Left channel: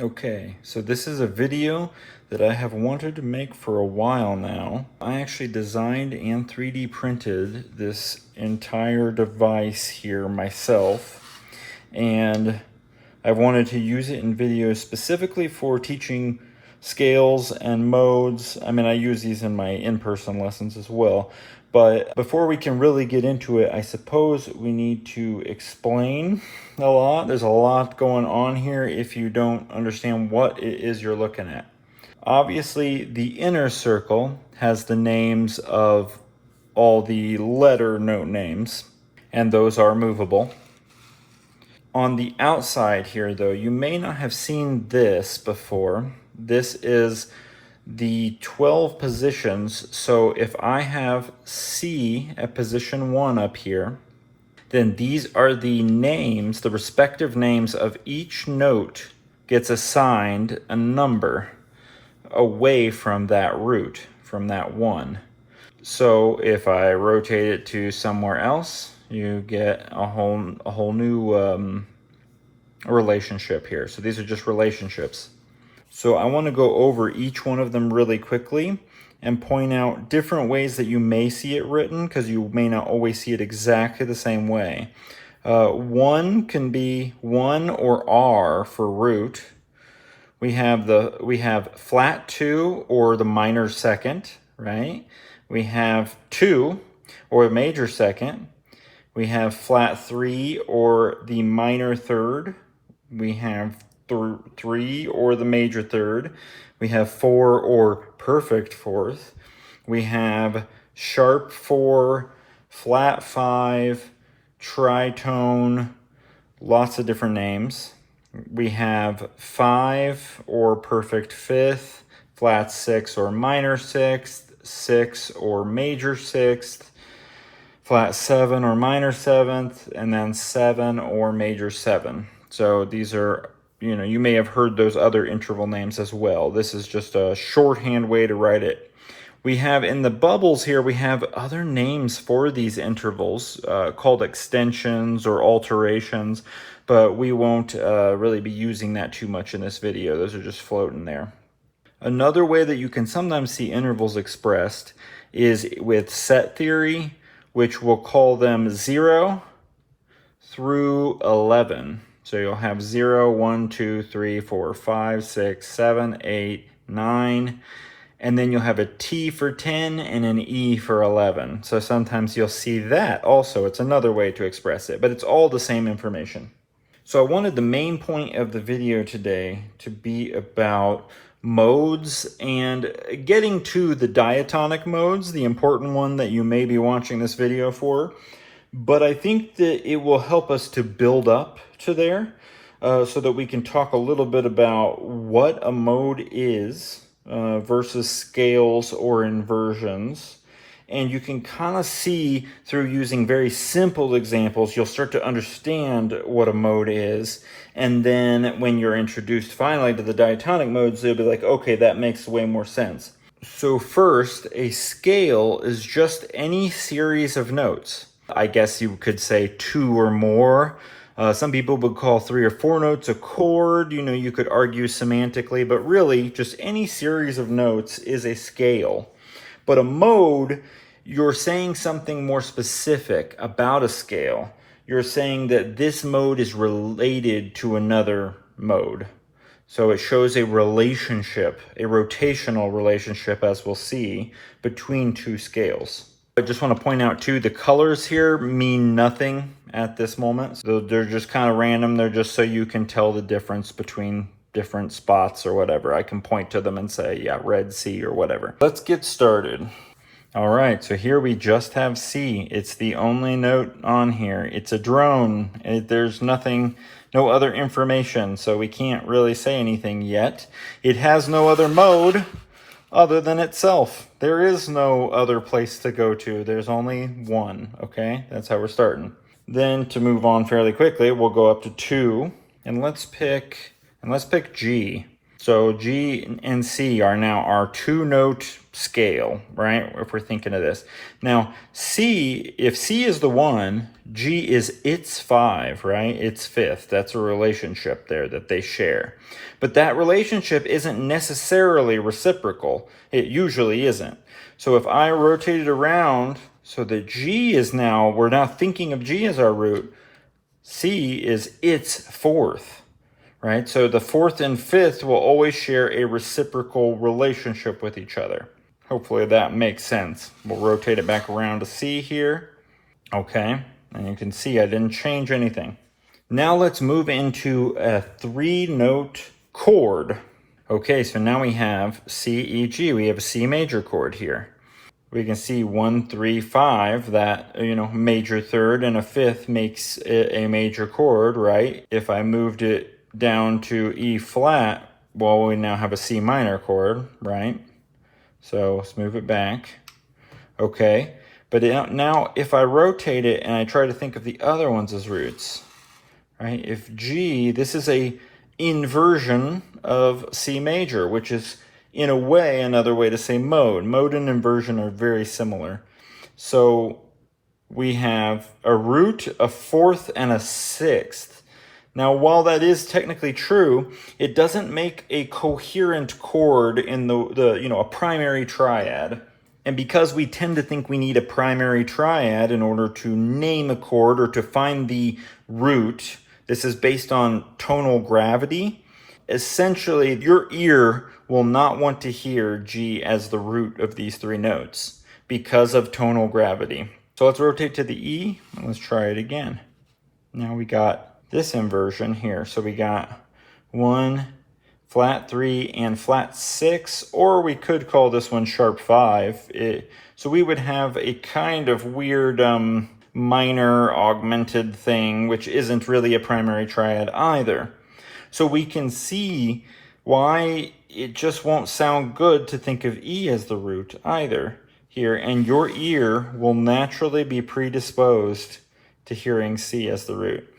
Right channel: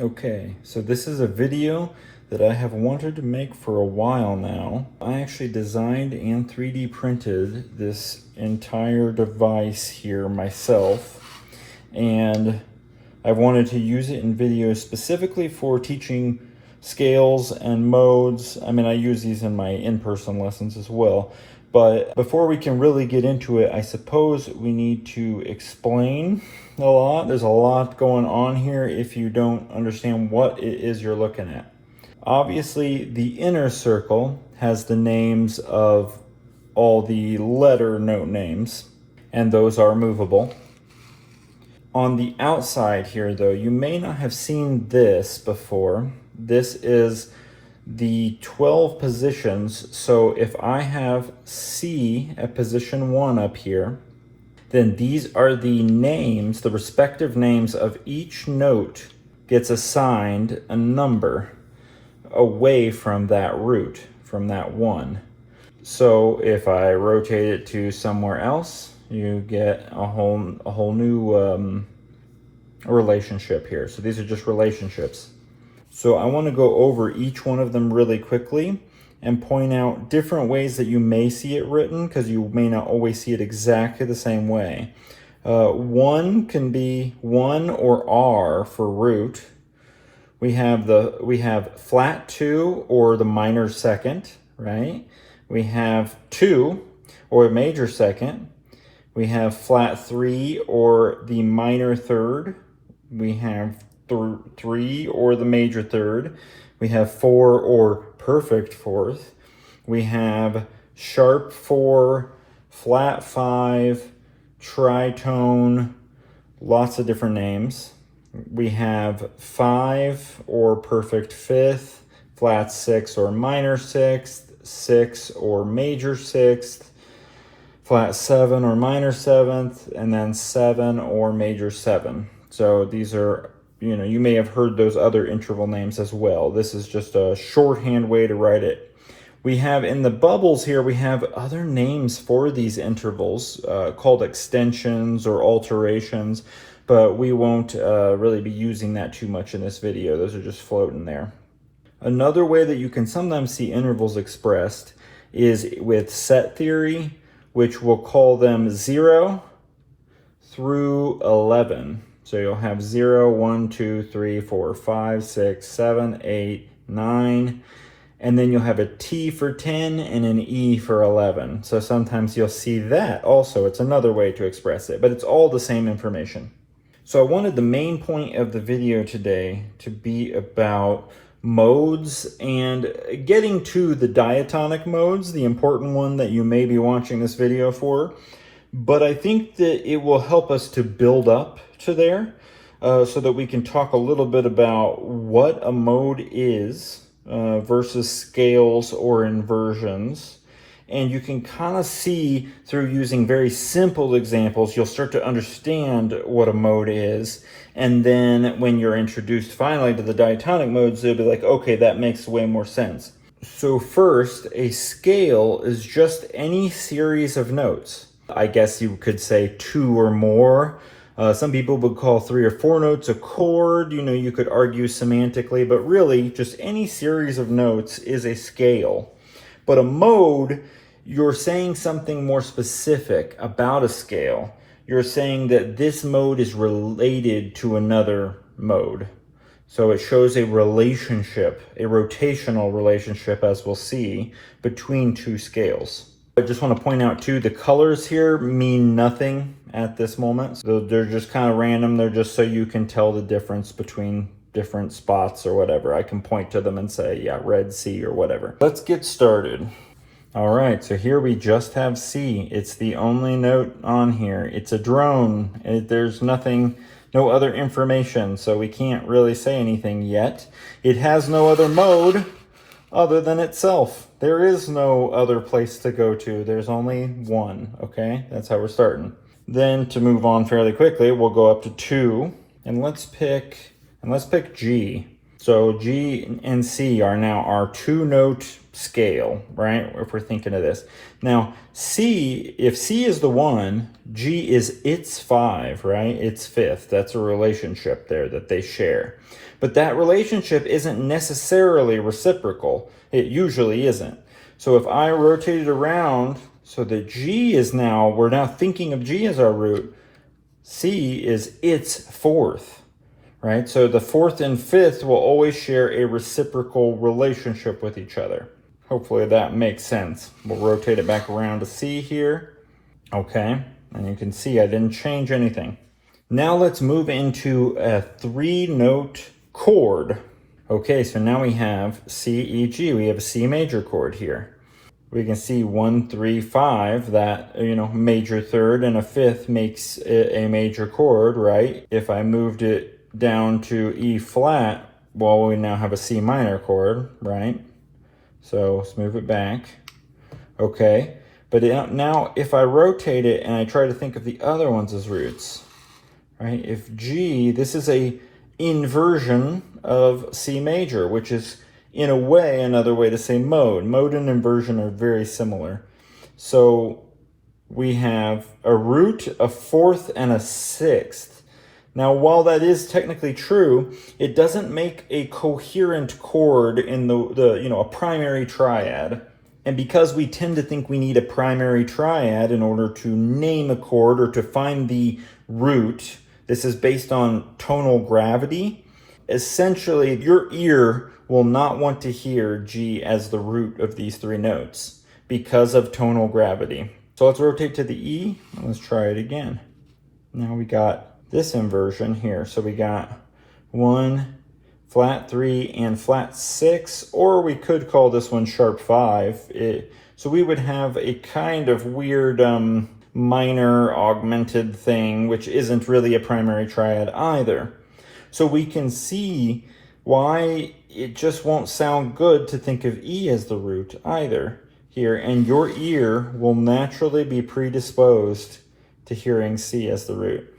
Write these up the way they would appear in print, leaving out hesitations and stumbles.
Okay, so this is a video that I have wanted to make for a while now. I actually designed and 3D printed this entire device here myself, and I wanted to use it in videos specifically for teaching scales and modes. I mean, I use these in my in-person lessons as well. But before we can really get into it, I suppose we need to explain a lot. There's a lot going on here if you don't understand what it is you're looking at. Obviously, the inner circle has the names of all the letter note names, and those are movable. On the outside here, though, you may not have seen this before. This is the 12 positions. So if I have C at position 1 up here, then these are the names, the respective names of each note gets assigned a number away from that root, from that 1. So if I rotate it to somewhere else, you get a whole new relationship here. So these are just relationships. So I want to go over each one of them really quickly and point out different ways that you may see it written, because you may not always see it exactly the same way. 1 can be 1 or R for root. We have flat 2 or the minor second, right? We have 2 or a major second. We have flat 3 or the minor third. We have 3 or the major third. We have 4 or perfect fourth. We have sharp 4, flat 5, tritone, lots of different names. We have 5 or perfect fifth, flat 6 or minor sixth, 6 or major sixth, flat 7 or minor seventh, and then 7 or major 7. So these are, you may have heard those other interval names as well. This is just a shorthand way to write it. We have in the bubbles here, we have other names for these intervals called extensions or alterations, but we won't really be using that too much in this video. Those are just floating there. Another way that you can sometimes see intervals expressed is with set theory, which we'll call them 0 through 11. So you'll have 0, 1, 2, 3, 4, 5, 6, 7, 8, 9, and then you'll have a T for 10 and an E for 11. So sometimes you'll see that also. It's another way to express it, but it's all the same information. So I wanted the main point of the video today to be about modes and getting to the diatonic modes, the important one that you may be watching this video for. But I think that it will help us to build up to there so that we can talk a little bit about what a mode is versus scales or inversions. And you can kind of see through using very simple examples, you'll start to understand what a mode is. And then when you're introduced finally to the diatonic modes, they'll be like, okay, that makes way more sense. So first, a scale is just any series of notes. I guess you could say 2 or more. Some people would call 3 or 4 notes a chord. You could argue semantically, but really just any series of notes is a scale. But a mode, you're saying something more specific about a scale. You're saying that this mode is related to another mode. So it shows a relationship, a rotational relationship, as we'll see, between two scales. I just want to point out too, the colors here mean nothing at this moment. So they're just kind of random. They're just so you can tell the difference between different spots or whatever. I can point to them and say, yeah, red C or whatever. Let's get started. All right, so here we just have C. It's the only note on here. It's a drone. There's nothing, no other information, so we can't really say anything yet. It has no other mode other than itself. There is no other place to go to. There's only one, okay? That's how we're starting. Then to move on fairly quickly, we'll go up to 2, and let's pick G. So G and C are now our 2-note scale, right? If we're thinking of this. Now, C, if C is the 1, G is its 5, right? Its 5th. That's a relationship there that they share. But that relationship isn't necessarily reciprocal. It usually isn't. So if I rotate it around, so that G is now, we're now thinking of G as our root, C is its 4th. Right? So the 4th and 5th will always share a reciprocal relationship with each other. Hopefully that makes sense. We'll rotate it back around to C here. Okay, and you can see I didn't change anything. Now let's move into a 3-note chord. Okay, so now we have C, E, G. We have a C major chord here. We can see 1, 3, 5, that, major third and a 5th makes it a major chord, right? If I moved it down to E flat, well, we now have a C minor chord, right? So let's move it back. Okay, but now if I rotate it and I try to think of the other ones as roots, right? If G, this is a inversion of C major, which is in a way another way to say mode. Mode and inversion are very similar. So we have a root, a 4th, and a 6th. Now, while that is technically true, it doesn't make a coherent chord in a primary triad. And because we tend to think we need a primary triad in order to name a chord or to find the root, this is based on tonal gravity. Essentially, your ear will not want to hear G as the root of these 3 notes because of tonal gravity. So let's rotate to the E and let's try it again. Now we got this inversion here. So we got 1, flat 3, and flat 6, or we could call this one sharp 5. So we would have a kind of weird minor augmented thing, which isn't really a primary triad either. So we can see why it just won't sound good to think of E as the root either here, and your ear will naturally be predisposed to hearing C as the root.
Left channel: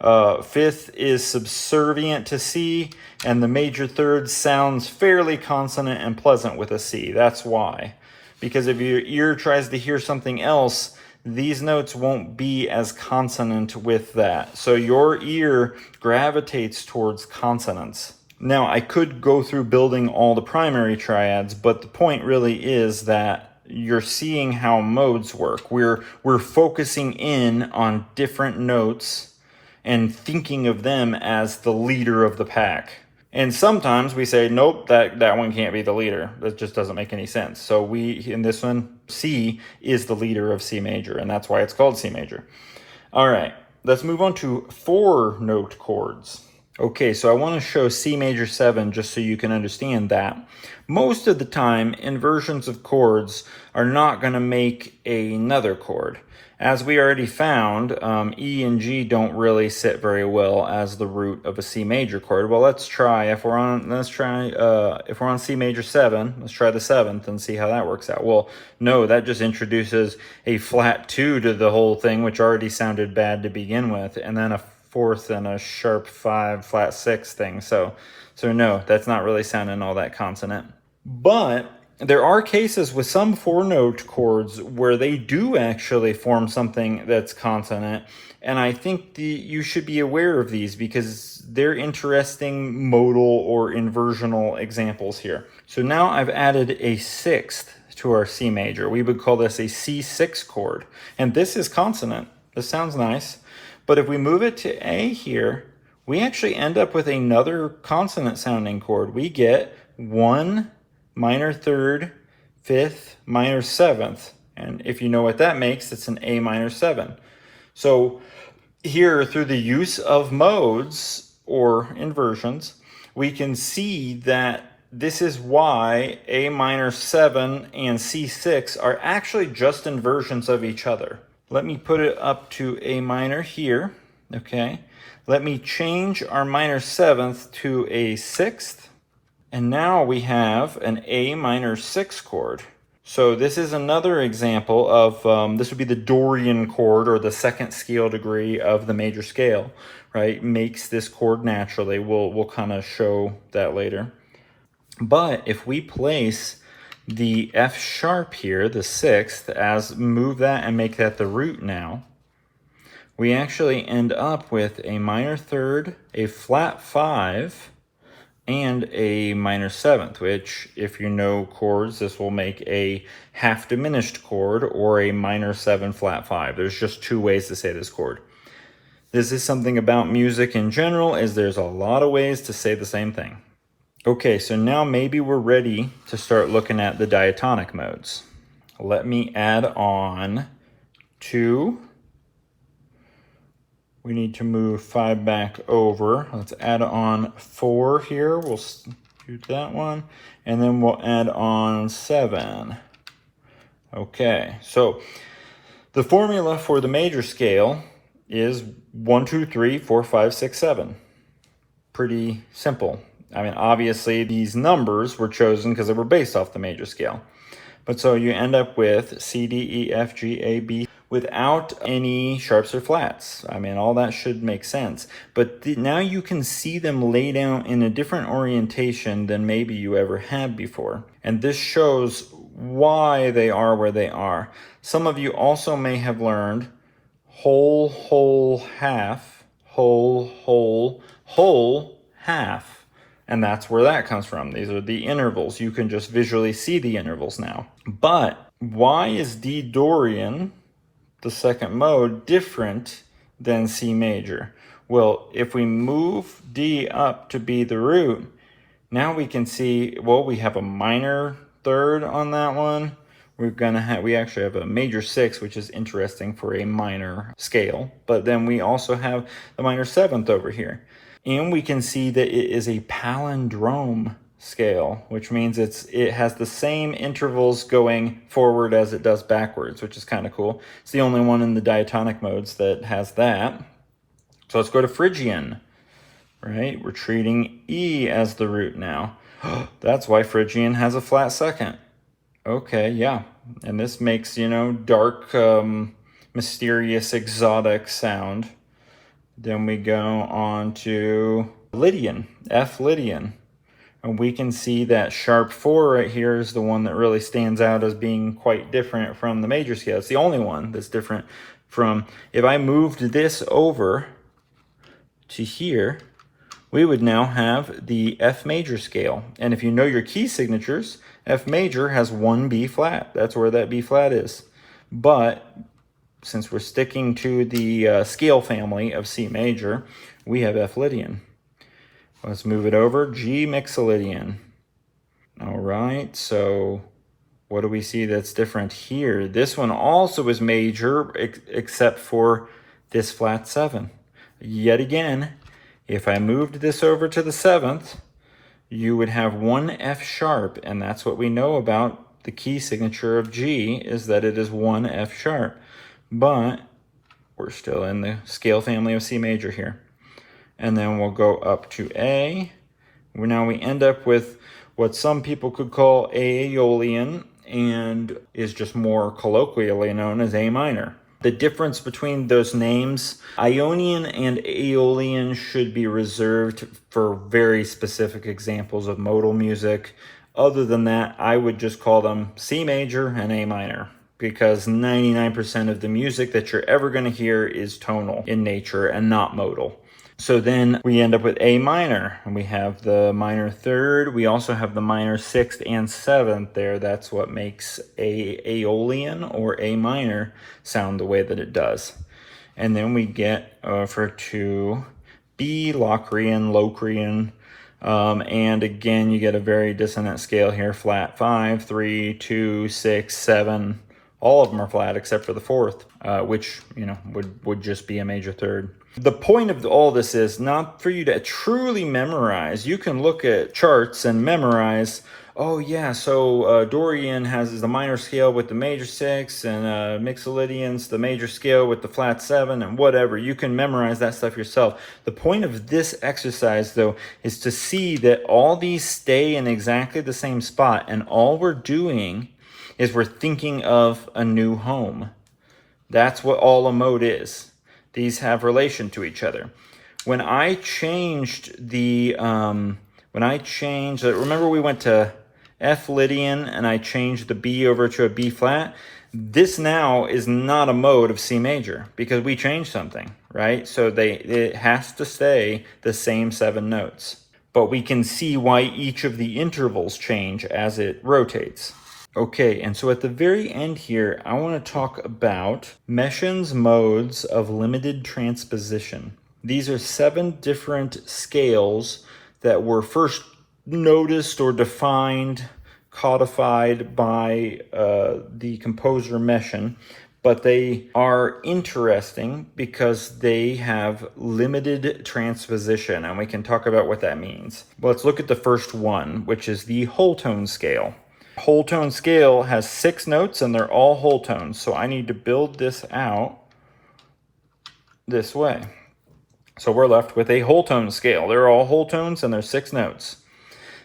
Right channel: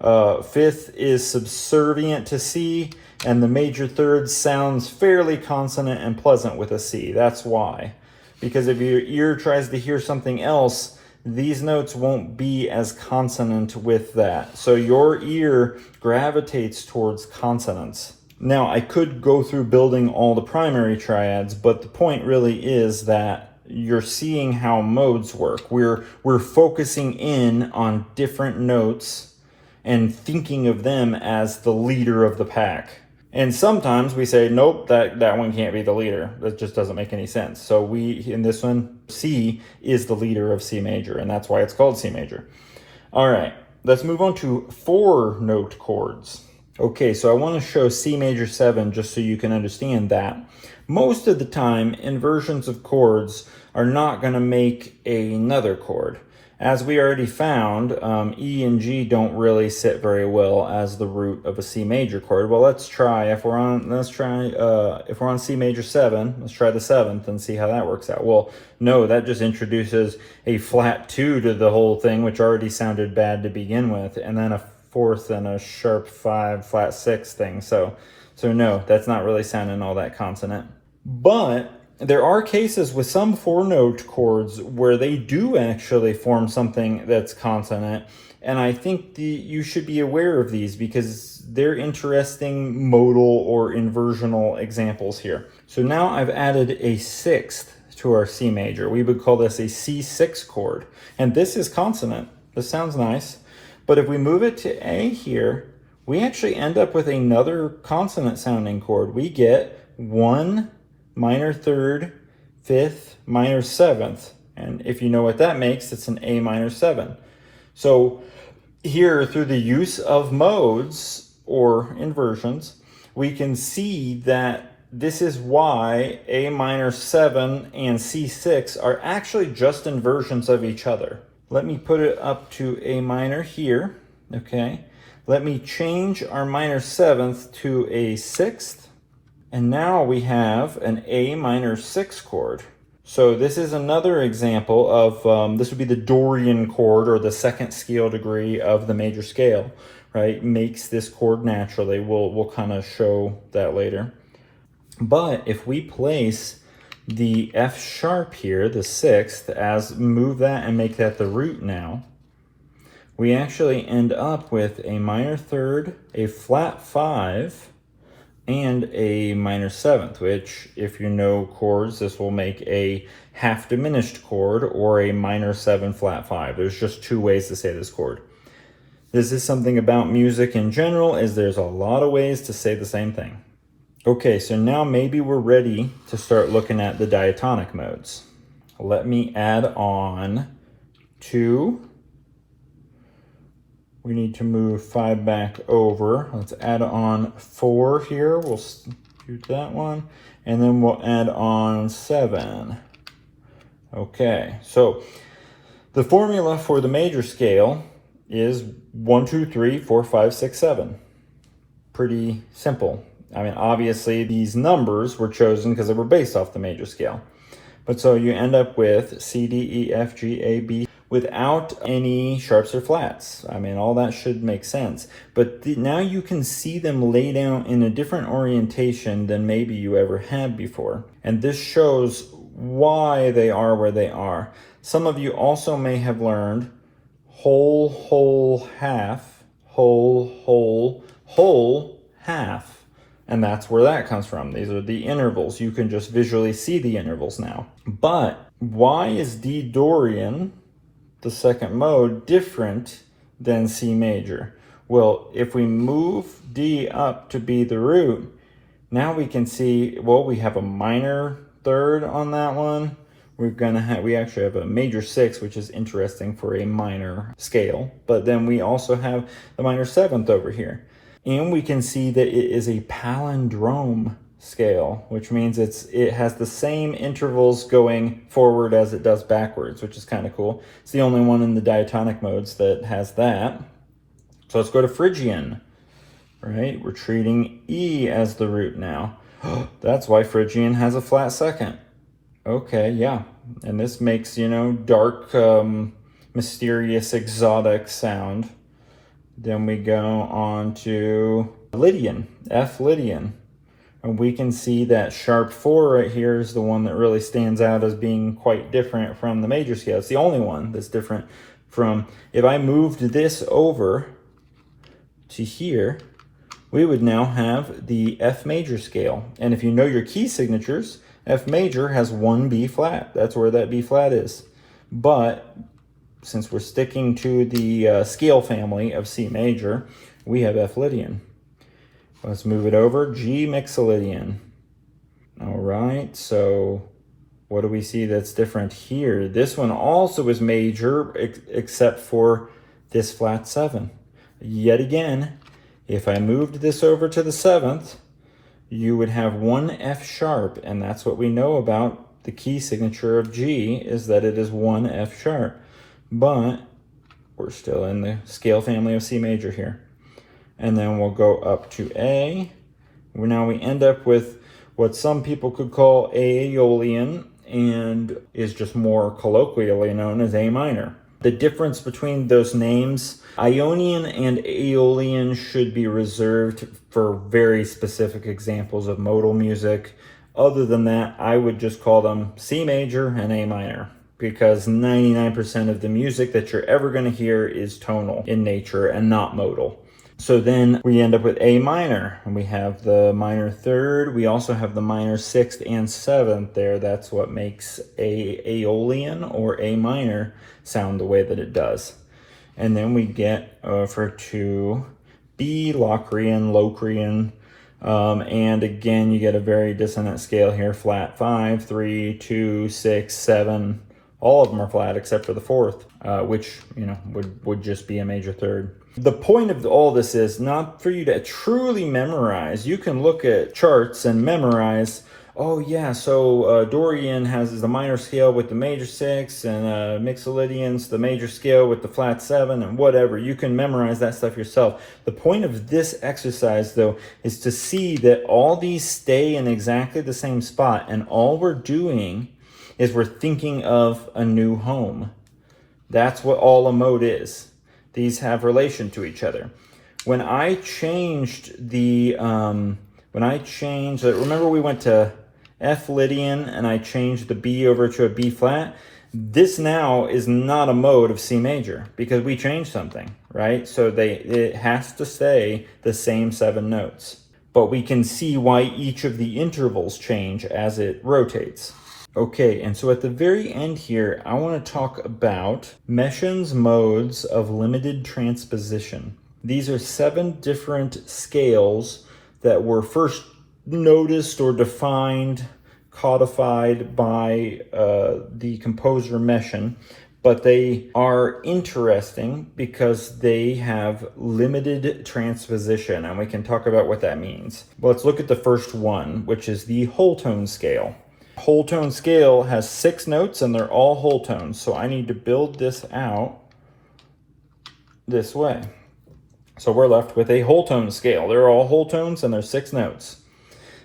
5th is subservient to C, and the major third sounds fairly consonant and pleasant with a C. That's why. Because if your ear tries to hear something else, these notes won't be as consonant with that. So your ear gravitates towards consonants. Now, I could go through building all the primary triads, but the point really is that you're seeing how modes work. We're focusing in on different notes and thinking of them as the leader of the pack. And sometimes we say, nope, that one can't be the leader. That just doesn't make any sense. So in this one, C is the leader of C major, and that's why it's called C major. All right, let's move on to 4-note chords. Okay, so I want to show C major 7 just so you can understand that. Most of the time, inversions of chords are not going to make another chord. As we already found, E and G don't really sit very well as the root of a C major chord. Well, let's try if we're on C major 7. Let's try the 7th and see how that works out. Well, no, that just introduces a flat 2 to the whole thing, which already sounded bad to begin with, and then a 4th and a sharp 5 flat 6 thing. So no, that's not really sounding all that consonant. But there are cases with some 4-note chords where they do actually form something that's consonant, and I think you should be aware of these because they're interesting modal or inversional examples here. So now I've added a 6th to our C major. We would call this a C6 chord, and this is consonant. This sounds nice, but if we move it to A here, we actually end up with another consonant sounding chord. We get 1 minor third, 5th, minor 7th. And if you know what that makes, it's an A minor 7. So here, through the use of modes or inversions, we can see that this is why A minor 7 and C6 are actually just inversions of each other. Let me put it up to A minor here, okay? Let me change our minor 7th to a 6th. And now we have an A minor 6 chord. So this is another example of, this would be the Dorian chord, or the 2nd scale degree of the major scale, right? Makes this chord naturally. We'll kind of show that later. But if we place the F sharp here, the 6th, as move that and make that the root now, we actually end up with a minor 3rd, a flat 5, and a minor 7th, which, if you know chords, this will make a half diminished chord or a minor 7 flat 5. There's just 2 ways to say this chord. This is something about music in general, is there's a lot of ways to say the same thing. Okay, so now maybe we're ready to start looking at the diatonic modes. Let me add on 2. We need to move 5 back over. Let's add on 4 here. We'll do that one. And then we'll add on 7. Okay, so the formula for the major scale is 1, 2, 3, 4, 5, 6, 7. Pretty simple. I mean, obviously these numbers were chosen because they were based off the major scale. But so you end up with C, D, E, F, G, A, B without any sharps or flats. I mean, all that should make sense. But now you can see them laid out in a different orientation than maybe you ever had before. And this shows why they are where they are. Some of you also may have learned whole, whole, half, whole, whole, whole, half. And that's where that comes from. These are the intervals. You can just visually see the intervals now. But why is D Dorian, the second mode, different than C major? Well, if we move D up to be the root, now we can see, well, we have a minor 3rd on that one. We actually have a major 6, which is interesting for a minor scale. But then we also have the minor 7th over here. And we can see that it is a palindrome scale, which means it has the same intervals going forward as it does backwards, which is kind of cool. It's the only one in the diatonic modes that has that. So let's go to Phrygian, right? We're treating E as the root now. That's why Phrygian has a flat 2nd. Okay, yeah. And this makes, dark, mysterious, exotic sound. Then we go on to Lydian, F Lydian. And we can see that sharp 4 right here is the one that really stands out as being quite different from the major scale. It's the only one that's different from, if I moved this over to here, we would now have the F major scale. And if you know your key signatures, F major has 1 B flat. That's where that B flat is. But since we're sticking to the scale family of C major, we have F Lydian. Let's move it over, G Mixolydian. All right, so what do we see that's different here? This one also is major, except for this flat 7. Yet again, if I moved this over to the 7th, you would have 1 F sharp, and that's what we know about the key signature of G, is that it is 1 F sharp. But we're still in the scale family of C major here. And then we'll go up to A. Now we end up with what some people could call Aeolian, and is just more colloquially known as A minor. The difference between those names, Ionian and Aeolian, should be reserved for very specific examples of modal music. Other than that, I would just call them C major and A minor, because 99% of the music that you're ever going to hear is tonal in nature and not modal. So then we end up with A minor, and we have the minor 3rd. We also have the minor 6th and 7th there. That's what makes Aeolian or A minor sound the way that it does. And then we get over to B Locrian, Locrian. And again, you get a very dissonant scale here. Flat 5, 3, 2, 6, 7. All of them are flat except for the 4th, which, would just be a major 3rd. The point of all this is not for you to truly memorize. You can look at charts and memorize, oh yeah, so Dorian has the minor scale with the major 6, and Mixolydian's the major scale with the flat 7, and whatever. You can memorize that stuff yourself. The point of this exercise, though, is to see that all these stay in exactly the same spot, and all we're doing is we're thinking of a new home. That's what all a mode is. These have relation to each other. When I changed the when I change, remember we went to F Lydian and I changed the B over to a B flat? This now is not a mode of C major because we changed something, right? So it has to stay the same 7 notes. But we can see why each of the intervals change as it rotates. Okay, and so at the very end here, I want to talk about Messiaen's modes of limited transposition. These are 7 different scales that were first noticed or defined, codified by the composer Messiaen, but they are interesting because they have limited transposition, and we can talk about what that means. Well, let's look at the first one, which is the whole tone scale. Whole tone scale has 6 notes and they're all whole tones, so I need to build this out this way. So we're left with a whole tone scale. They're all whole tones and there's 6 notes.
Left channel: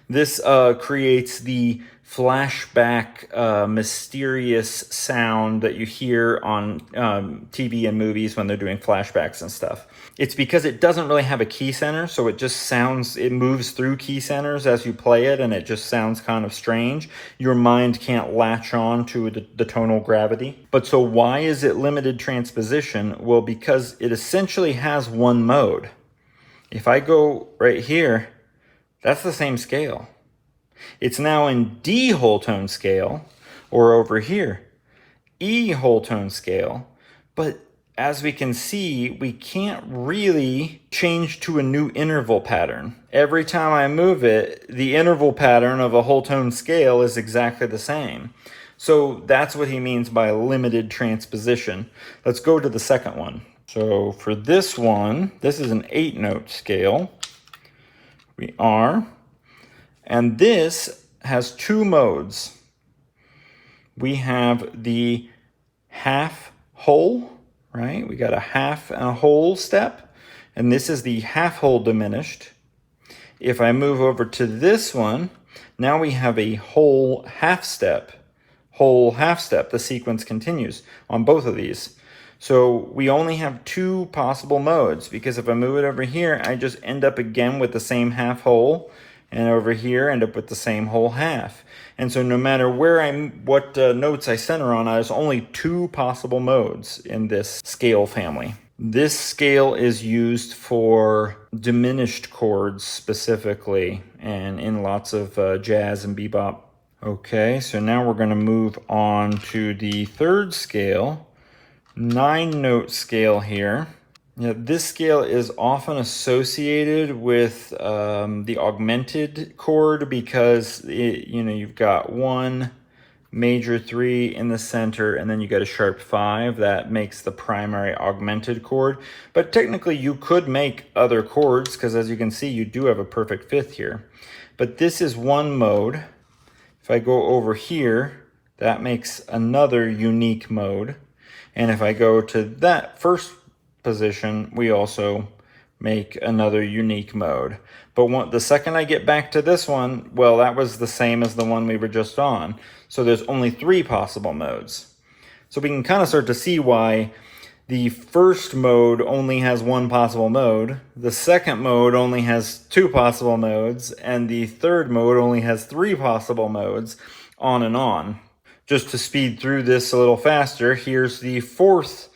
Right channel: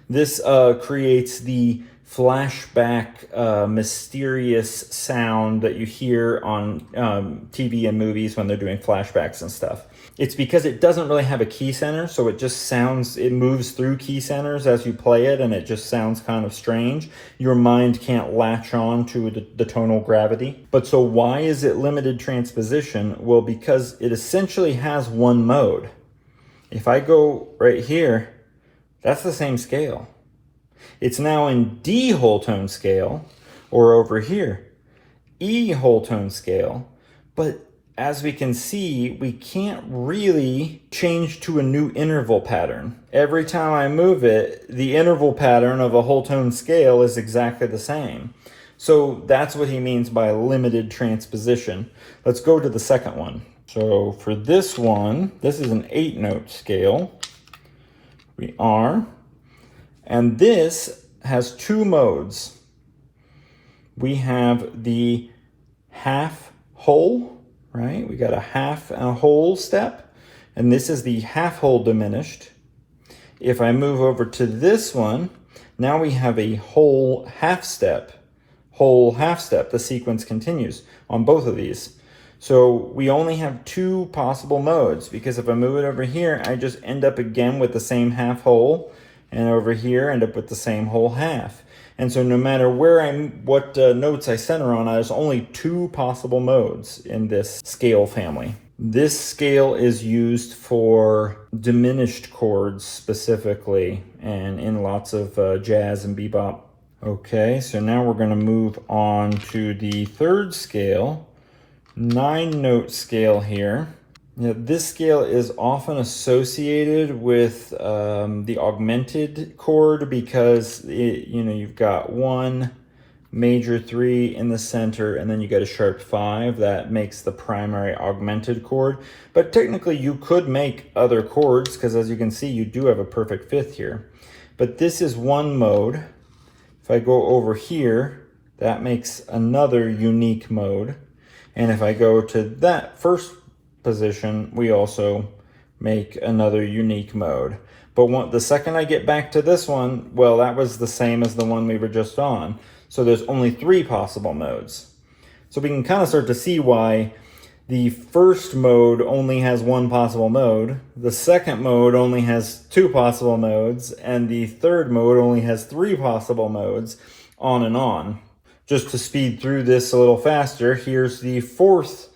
This creates the flashback, mysterious sound that you hear on TV and movies when they're doing flashbacks and stuff. It's because it doesn't really have a key center, so it just sounds, it moves through key centers as you play it, and it just sounds kind of strange. Your mind can't latch on to the tonal gravity. But so why is it limited transposition? Well, because it essentially has one mode. If I go right here, that's the same scale. It's now in D whole tone scale, or over here, E whole tone scale, but as we can see, we can't really change to a new interval pattern. Every time I move it, the interval pattern of a whole tone scale is exactly the same. So that's what he means by limited transposition. Let's go to the second one. So for this one, this is an 8-note scale. We are. And this has 2 modes. We have the half whole, right? We got a half and a whole step, and this is the half whole diminished. If I move over to this one, now we have a whole half step. The sequence continues on both of these. So we only have 2 possible modes, because if I move it over here, I just end up again with the same half whole, and over here end up with the same whole half. And so no matter what notes I center on, there's only 2 possible modes in this scale family. This scale is used for diminished chords specifically, and in lots of jazz and bebop. Okay, so now we're going to move on to the third scale, 9-note scale here. Yeah, this scale is often associated with the augmented chord because you've got 1 major 3 in the center, and then you got a sharp 5 that makes the primary augmented chord. But technically you could make other chords, because as you can see, you do have a perfect 5th here. But this is one mode. If I go over here, that makes another unique mode. And if I go to that first position, we also make another unique mode. But the second I get back to this one, well, that was the same as the one we were just on. So there's only 3 possible modes. So we can kind of start to see why the first mode only has 1 possible mode, the second mode only has 2 possible modes, and the third mode only has 3 possible modes, on and on. Just to speed through this a little faster, here's the 4th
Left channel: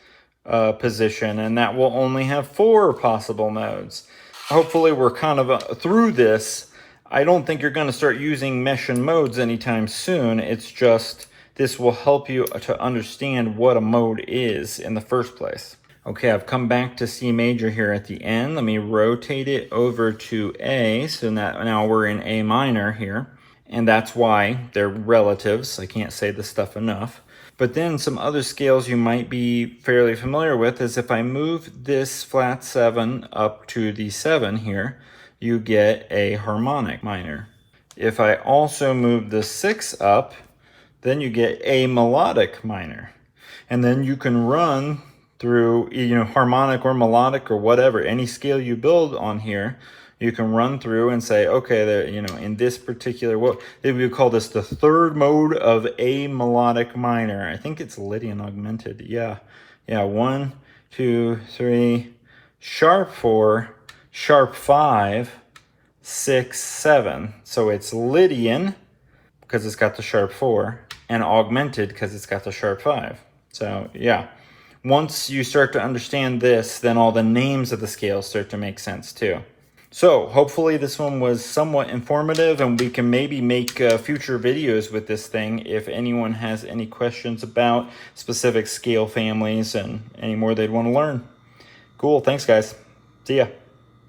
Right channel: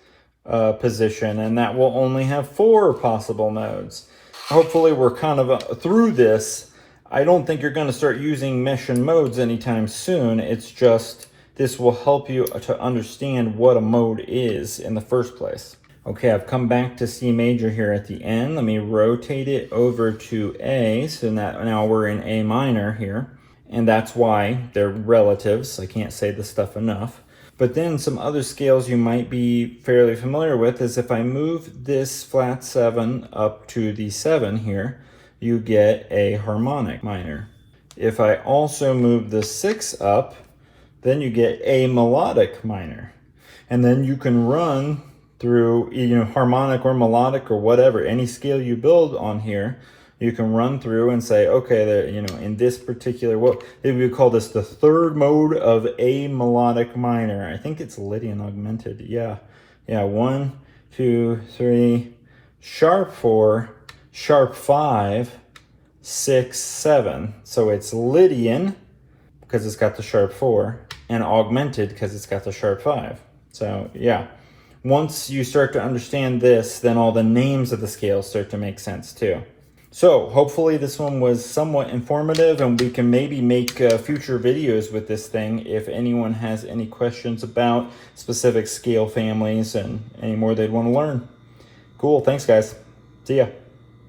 position, and that will only have 4 possible modes. Hopefully we're kind of through this. I don't think you're going to start using Messiaen modes anytime soon. It's just this will help you to understand what a mode is in the first place. Okay, I've come back to C major here at the end. Let me rotate it over to A, so now we're in A minor here, and that's why they're relatives. I can't say this stuff enough. But then some other scales you might be fairly familiar with is if I move this flat 7 up to the 7 here, you get a harmonic minor. If I also move the 6 up, then you get a melodic minor. And then you can run through, harmonic or melodic or whatever, any scale you build on here, you can run through and say, okay, in this particular, they would call this the 3rd mode of a melodic minor. I think it's Lydian augmented. Yeah, 1, 2, 3, sharp 4, sharp 5, 6, 7. So it's Lydian because it's got the sharp 4, and augmented because it's got the sharp 5. So yeah, once you start to understand this, then all the names of the scales start to make sense too. So hopefully this one was somewhat informative, and we can maybe make future videos with this thing if anyone has any questions about specific scale families and any more they'd want to learn. Cool, thanks guys. See ya.